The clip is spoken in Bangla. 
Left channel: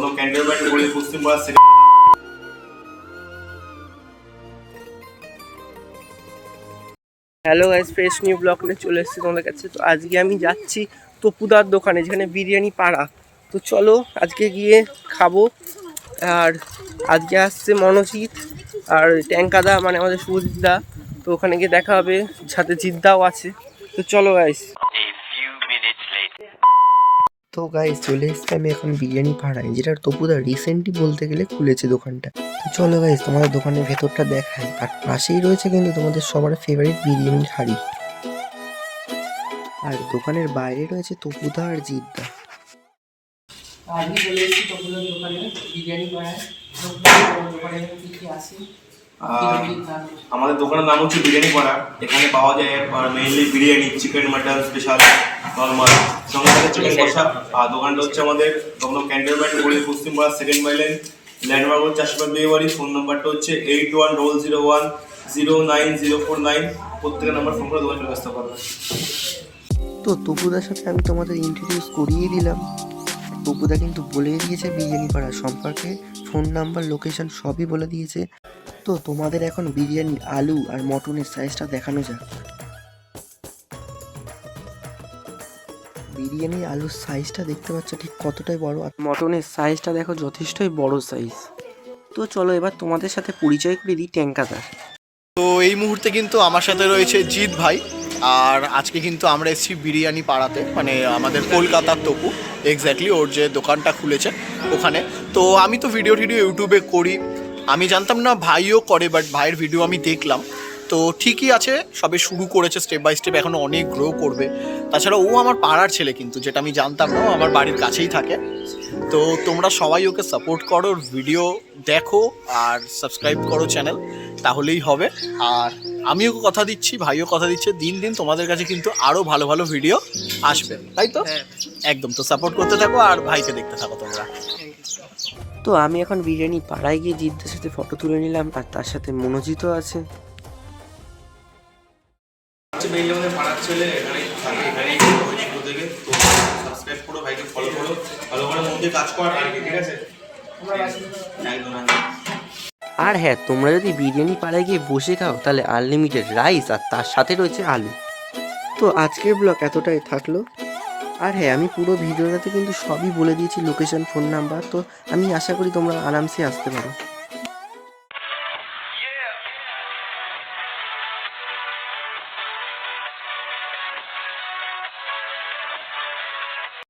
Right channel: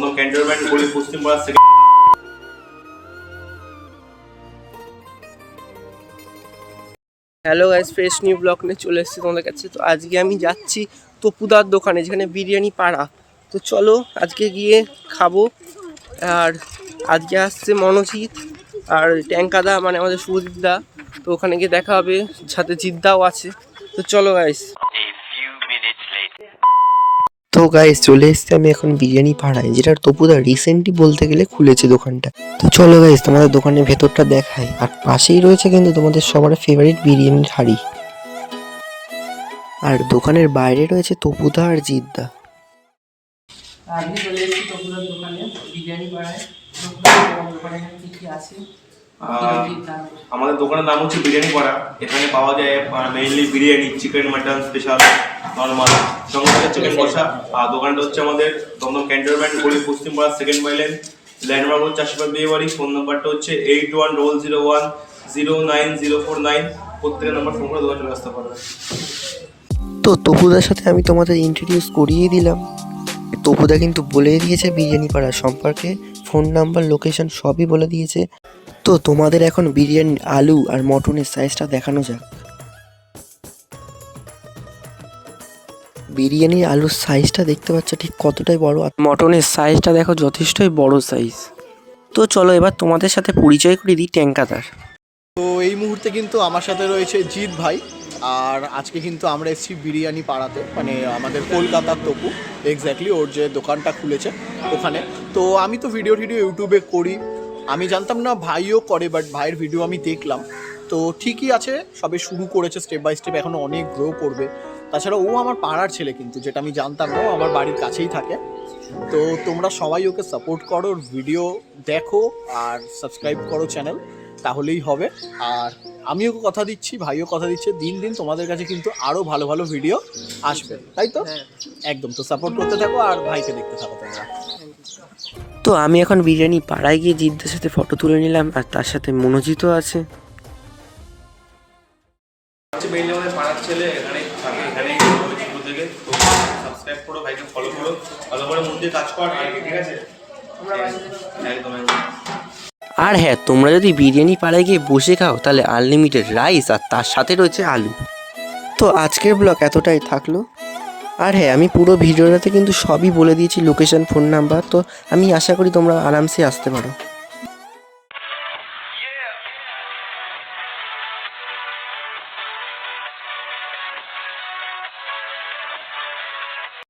Dumdum cantonment Paschimpara. Hello guys, fresh new blog নিয়ে চলে এসেছি তোমাদের কাছে। তো আজকে আমি যাচ্ছি তপুদার দোকানে, যেখানে বিরিয়ানি পাড়া। তো চলো আজকে গিয়ে খাবো। আর আজকে আসছে মনোজিৎ আর ট্যাঙ্কাদা, মানে আমাদের শুভজিৎদা। তো ওখানে গিয়ে দেখা হবে, সাথে জিদ্দাও আছে। তো চলো গাইস। তো গাইস চলে এসছি আমি এখন বিরিয়ানি পাড়ায়, যেটা তপুদা রিসেন্টলি বলতে গেলে খুলেছে দোকানটা। তো চলো গাইস তোমাদের দোকানের ভেতরটা দেখাই। আর পাশেই রয়েছে কিন্তু তোমাদের সবার ফেভারিট বিরিয়ানির হাঁড়ি। আর দোকানের বাইরে রয়েছে তপুদা আর জিদ্দা। আজকে চলে এসেছি তপুদার দোকানে, বিরিয়ানি পাড়ায়। দোকানে কি কি আছে? আমাদের দোকানের নাম হচ্ছে বিরিয়ানি পাড়া। এখানে পাওয়া যায় mainly biryani, chicken, mutton, special, normal, সঙ্গে থাকে চিকেন কষা। আর দোকানটা হচ্ছে আমাদের দমদম ক্যান্টনমেন্ট পশ্চিমপাড়া, সেকেন্ড বাইলেন, ল্যান্ডমার্ক হচ্ছে আশীর্বাদ বিয়ে বাড়ি। ফোন নাম্বারটা হচ্ছে 8100109049। প্রত্যেকের নাম্বার ফোন করে দোকানে চলে আসতে পারবে। তো তপুদার সাথে আমি তোমাদের ইন্ট্রোডিউস করিয়ে দিলাম। তপুদা কিন্তু বলে দিয়েছে বিরিয়ানি পাড়া সম্পর্কে, ফোন নাম্বার, লোকেশন সবই বলে দিয়েছে। তো তোমাদের এখন বিরিয়ানি আলু আর মটনের সাইজটা দেখানো যাক। বিরিয়ানির আলুর সাইজটা দেখতে পাচ্ছ ঠিক কতটাই বড়, আর মটনের সাইজটা দেখো যথেষ্টই বড় সাইজ। তো চলো এবার তোমাদের সাথে পরিচয় করে দিই ট্যাঙ্কাদার। তো এই মুহূর্তে কিন্তু আমার সাথে রয়েছে জিৎ ভাই। আর আজকে কিন্তু আমরা এসেছি বিরিয়ানি পাড়াতে, মানে আমাদের কলকাতার তপু, এক্স্যাক্টলি ওর যে দোকানটা খুলেছে ওখানে। তো আমি তো ভিডিও ইউটিউবে করি, আমি জানতাম না ভাইও করে, বাট ভাইয়ের ভিডিও আমি দেখলাম। তো ঠিকই আছে, সবে শুরু করেছে স্টেপ বাই স্টেপ, এখনও অনেক গ্রো করবে। তাছাড়া ও আমার পাড়ার ছেলে কিন্তু, যেটা আমি জানতাম না, ও আমার বাড়ির কাছেই থাকে। তো তোমরা সবাই ওকে সাপোর্ট করো, ওর ভিডিও দেখো আর সাবস্ক্রাইব করো চ্যানেল, তাহলেই হবে। আর আমিও কথা দিচ্ছি, ভাইও কথা দিচ্ছে, দিন দিন তোমাদের কাছে কিন্তু আরও ভালো ভালো ভিডিও আসবে, তাই তো? একদম। তো সাপোর্ট করতে থাকো আর ভাইকে দেখতে থাকো তোমরা। তো আমি এখন বিরিয়ানি পাড়ায় গিয়ে জিদ্দার সাথে ফটো তুলে নিলাম, আর তার সাথে মনোজিতও আছে। মেইনলি আমাদের পাড়ার ছেলে এখানে থাকে, এখানেই শুরু থেকে। তো সাবস্ক্রাইব করো, ভাইকে ফলো করো, ভালো করে মন দিয়ে কাজ কর, আর কি, ঠিক আছে? একদম। আর হ্যাঁ, তোমরা যদি বিরিয়ানি পাড়ায় গিয়ে বসে খাও তাহলে আনলিমিটেড রাইস, আর তার সাথে রয়েছে আলু। তো আজকের ব্লগ এতটাই থাকলো। আর হ্যাঁ, আমি পুরো ভিডিওটাতে কিন্তু সবই বলে দিয়েছি, লোকেশন, ফোন নাম্বার। তো আমি আশা করি তোমরা আরামসে আসতে পারো।